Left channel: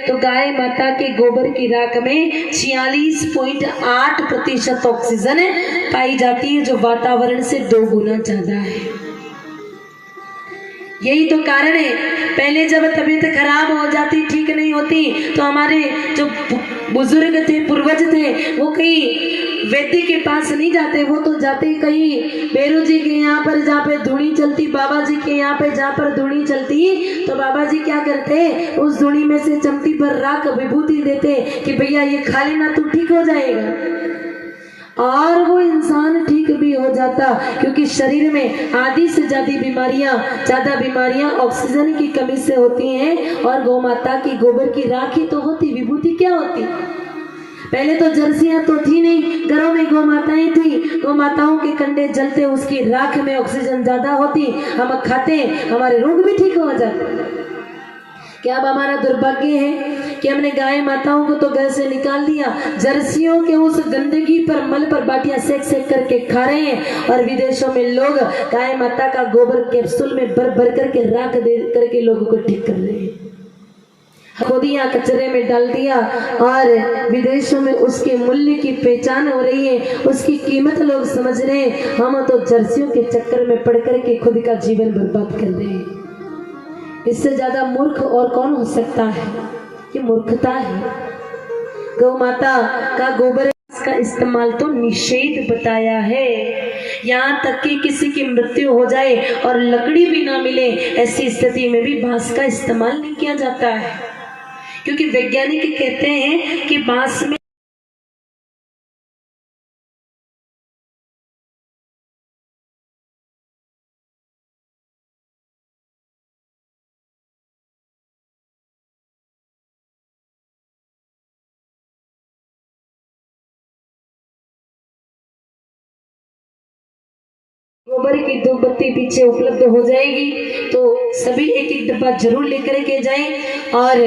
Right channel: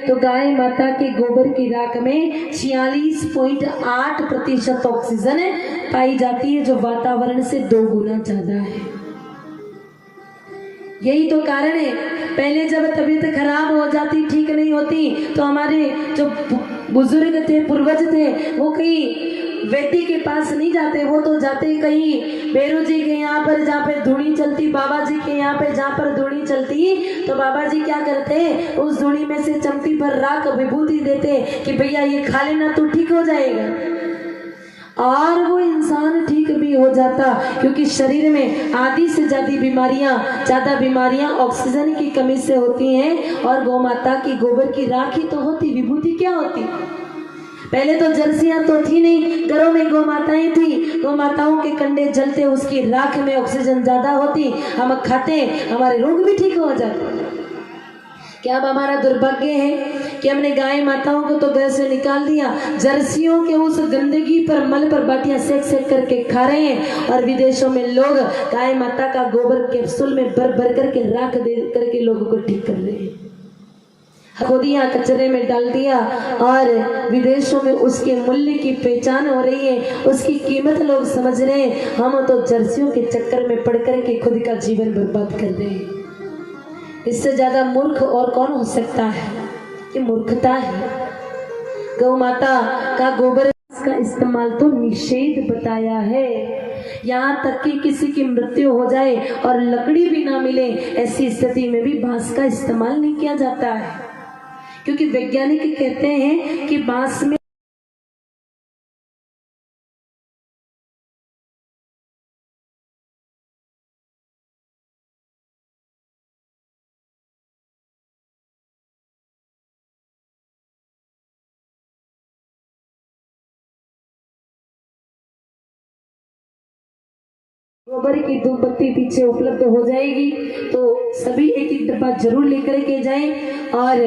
तो गाय माता के गोबर की राख में 46.8% ऑक्सीजन पाई जाती है, जो वातावरण से 2 गुना ज्यादा है। यही तो कारण है, पहले जब तबीयत खराब हो जाती, ठीक नहीं होती, तो हमारे जो बुजुर्ग थे, पूर्वज थे, वो कहीं वैद्य के पास नहीं जाते, वो तो जाते कहीं बेरू जी के यहाँ पर, जहाँ पे धुनी चलती, बाबा जी के यहाँ पे जहाँ पर धुनी चलती, तो बाबा जी क्या करते, उस धुनी में से चमटी पर राख विभूति देते कि भैया ये खा लेना तो ठीक हो जाएगा। और वो इंसान ठीक भी हो जाता, क्योंकि शरीर में आधी से ज्यादा बीमारियां ऑक्सीजन की कमी से होती हैं। और गौ माता की गोबर की राख ही तो होती, विभूति क्या होती। पहले तो जर्सियां तो थी नहीं, घरों में गौ माताएं थी, गौ माताओं के कंडे जलते, उसकी राख में ऑक्सीजन ज्यादा होती, हम खाते, हमारे रोग भी ठीक हो जाते। क्या अब हमारा दुर्भाग्य है कि हमने गाय माताओं को तो घर से निकाल दिया, जर्सियों के उस गंदगी पर, मल पर बाटियां सेक सेक करके खा रहे हैं। और विदेशों में लोग गाय माता का गोबर कैप्सूल में भर भर करके राख दे करके लोगों को ठीक कर रहे हैं। खोदिया कचरे में डाल दिया और विदेशों में उसके मूल्य की पहचान हो रही है, उसकी कीमत लोग समझ रहे हैं। हम तो जर्सियों के चक्कर में पड़ करके खुद का जीवन बर्बाद कर रहे हैं। इससे ज्यादा मूर्ख और कौन हो सकता है, ये मूर्खता है। गौ माता का गोबर का इस्तेमाल तो निषेध बताया है। यहाँ तक कि किसी की मृत्यु हो जाए और लकड़ी भी ना मिले, ऐसी स्थिति में भी बांस का इस्तेमाल नहीं किया जाता है, क्योंकि वैज्ञानिक कहते हैं कि बांस में गोबर की धूप बत्ती पीछे उपलब्ध हो जाएगी, तो सभी एक एक डब्बा जरूर लेकर के जाएं। और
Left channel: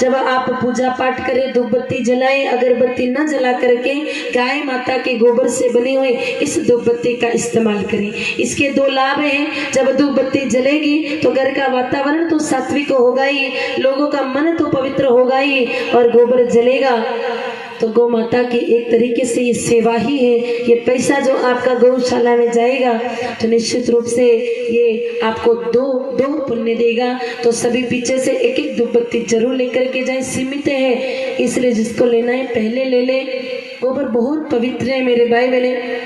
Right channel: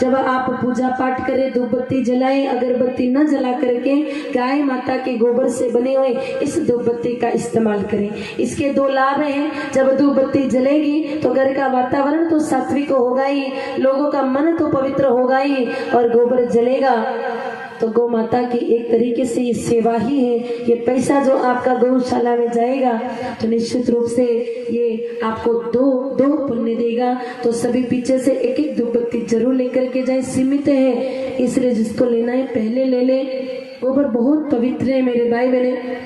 जब आप पूजा पाठ करें, धूप बत्ती जलाएं, अगरबत्ती न जला करके गाय माता के गोबर से बने हुए इस धूप बत्ती का इस्तेमाल करें। इसके 2 लाभ हैं। जब धूप बत्ती जलेगी तो घर का वातावरण तो सात्विक होगा ही, लोगों का मन तो पवित्र होगा ही, और गोबर जलेगा तो गौ माता की एक तरीके से ये सेवा ही है। ये पैसा जो आपका गौशाला में जाएगा तो निश्चित रूप से ये आपको दो पुण्य देगा। तो सभी पीछे से एक एक धूप बत्ती जरूर लेकर के जाए, सीमित है इसलिए जिसको लेना है पहले ले ले। गोबर बहुत पवित्र है मेरे भाई बहने,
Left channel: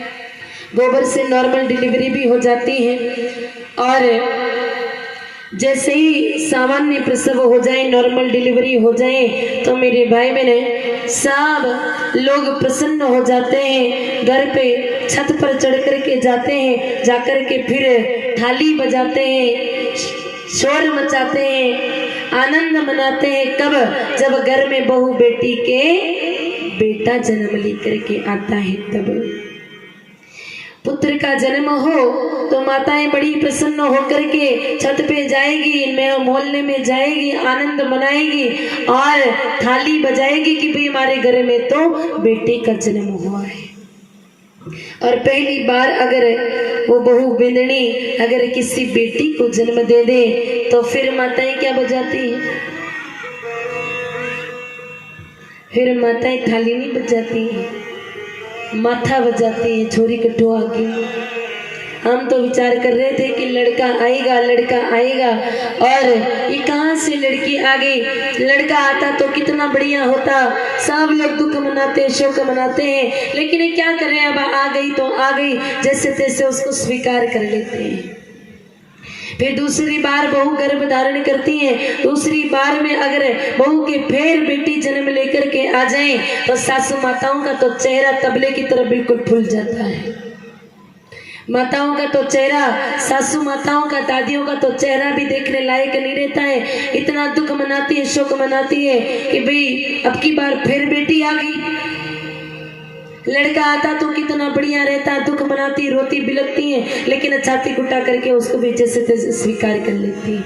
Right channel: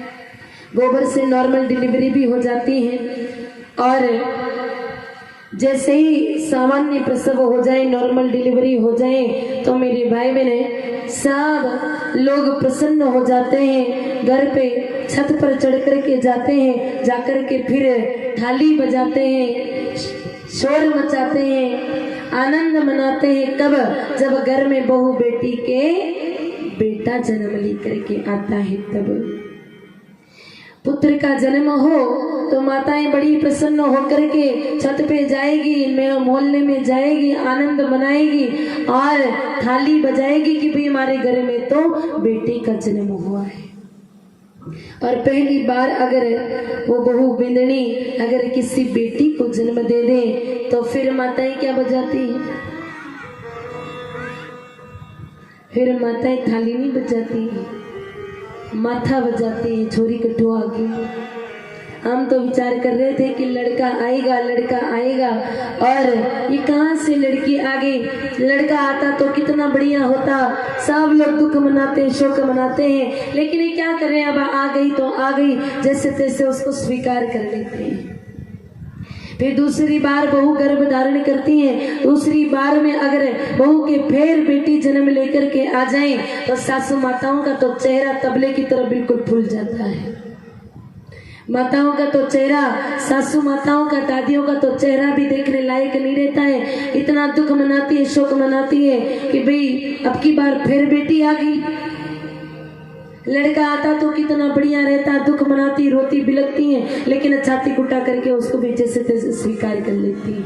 गोबर से नॉर्मल डिलीवरी भी हो जाती है, और जैसे ही सामान्य प्रसव हो जाए, नॉर्मल डिलीवरी हो जाए, तो मेरे भाई बहने सब लोग प्रसन्न हो जाते हैं। घर पे छत पर चढ़ कर के जाते हैं, जाकर के फिर थाली बजाते हैं, शोर मचाते हैं, आनंद मनाते हैं। कब? जब घर में बहू बेटी के बेटा जन्म लेकर के आता है, तब पुत्र का जन्म हो तो माताएं बड़ी प्रसन्न होकर के छत पे जाएगी, मोहल्ले में जाएगी, आनंद मनाएगी और थाली बजाएगी कि भाई हमारे घर में तो बेटे का जन्म हुआ है। और पहली बार अगर वो बहू बिंदनी अगर किसी बेटी को जन्म दे दे तो फिर माताएं क्या बजाती है? फिर माताएं थाली नहीं बजाती है, माथा बजाती है, छोरी कटुआ की। हम तो विचार कर रहे थे कि लड़का आएगा, लड़का आएगा, और ये कहाँ से लड़की आ गई। लड़का आता तो कितना बढ़िया होता, सब लोग दुख मनाते हैं, शोक मनाते हैं, लेकिन ये क्या करें, अब आ गई तो आ गई, जैसे तैसे उसको स्वीकार कर लेते हैं। फिर दूसरी बार बहू गर्भ धारण करती है, दूसरी बार में अगर बहू के फिर बेटी जन्म लेकर के आ जाए तो सासू माताओं का तो चेहरा तबले की तरह बिल्कुल फूल जाता है। माताओं का तो चेहरा, सासू माताओं का, दादियों का तो चेहरा भी देखने लायक नहीं रहता है। इतना दुख मनाती है, शोक मनाती है कि भाई अब की बार फिर बेटी आ गई। लड़का आता तो कितना बढ़िया रहता, दुख मनाती, रोती, बिलकती है, लेकिन छाती कुटा करके उसको भी जैसे तैसे स्वीकार कर लेती है।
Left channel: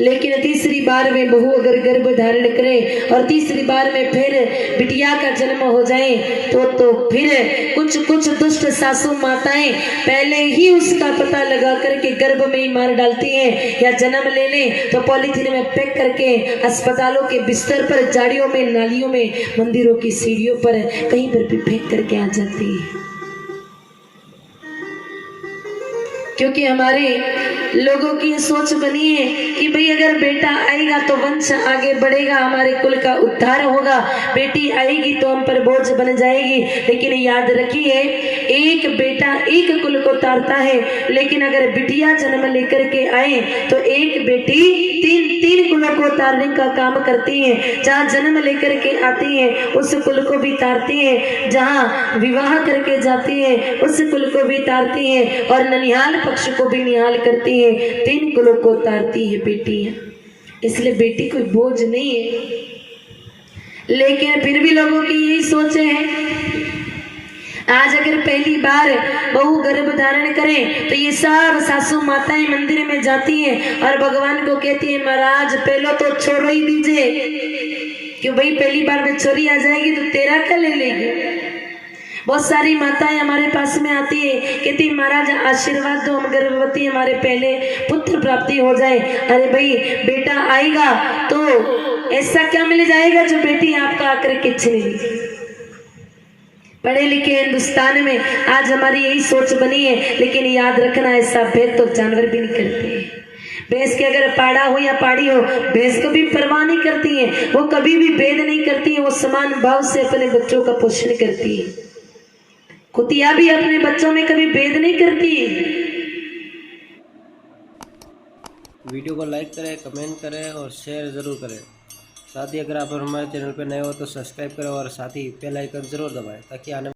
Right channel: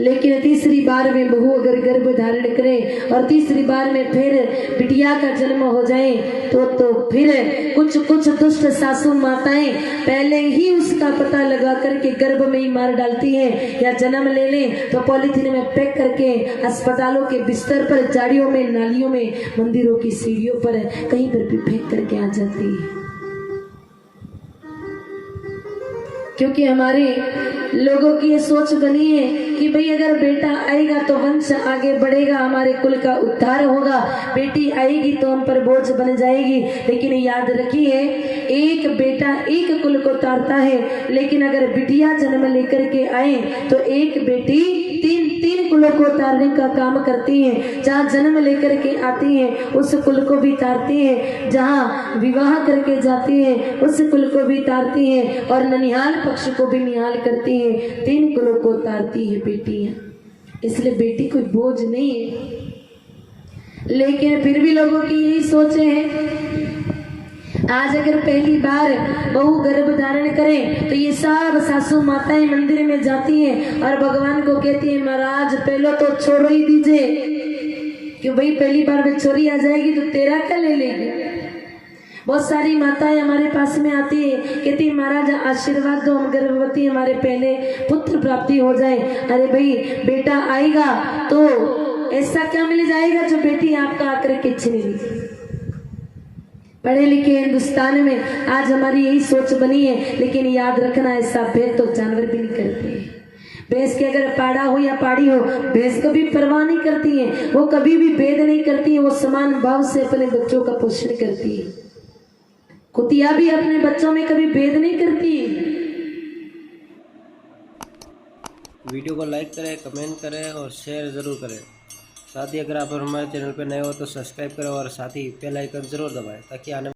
लेकिन तीसरी बार में बहू अगर गर्भ धारण करे और तीसरी बार में फिर बिटिया का जन्म हो जाए तो फिर कुछ दुष्ट सासू माताएं पहले ही उसका पता लगा करके गर्भ में ही मार डालती हैं, या जन्म ले लें तो पॉलीथीन में पैक करके अस्पतालों के बिस्तर पर, झाड़ियों में, नालियों में, मंदिरों की सीढ़ियों पर, कहीं पर भी फेंक करके आ जाती है। क्योंकि हमारे लोगों की ये सोच बनी है कि भाई अगर बेटा आएगा तो वंश आगे बढ़ेगा, हमारे कुल का उद्धार होगा, बेटी आएगी तो हम पर बोझ बन जाएगी। लेकिन याद रखिए, एक बेटा एक कुल को तारता है, लेकिन अगर बिटिया जन्म लेकर के आए तो एक बेटी तीन कुलों को तारने का काम करती है। जहाँ जन्म लेकर के आती है उस कुल को भी तारती है, जहाँ विवाह करके जाती है उस कुल को भी तारती है, और ननिहाल पक्ष को भी निहाल करती है। 3 कुलों को तारती है बेटियां, इसलिए बेटी कोई बोझ नहीं है। लेकिन फिर भी लोगों की यही सोच है, आज अगर पहली बार बहू गर्भ धारण करे तो ये सब सासू माताएं मंदिर में जाती हैं और भगवान को कहती है, महाराज पहले तो छोड़ ही दीजिए, क्यों भाई पहली बार में छोरी आ जाएगी तो तेरा क्या ले लेगी। बहुत सारी माताएं हमारे पास में आती है, कहती महाराज आशीर्वाद दो, हम गर्भवती, हमारे पहले पुत्र प्राप्ति हो जाए। अरे भाई बेटा आएगा तो ऐसा क्या मिल जाएगा जो बेटी आपका आकर के छीन लीजिए। पढ़े लिखे हिंदुस्तान में आज हमारी यही सोच बनी है, लेकिन याद रखना ऐसा भेद तो जानवर भी नहीं करते हैं। भैंस के अगर पाड़ा हो या पाड़ी हो, भैंस कभी परवाह नहीं करती है, वो कभी भी भेद नहीं करती है, वो समान भाव से अपने बच्चों का पोषण करती है। कुतिया भी अपने बच्चों में कभी भेद नहीं करती है। वीडियो को लाइक करें, कमेंट करें और शेयर ज़रूर करें। साथ ही अगर आप हमारे चैनल पर नए हो तो सब्सक्राइब करें और साथ ही बेल आइकन ज़रूर दबाएं ताकि आने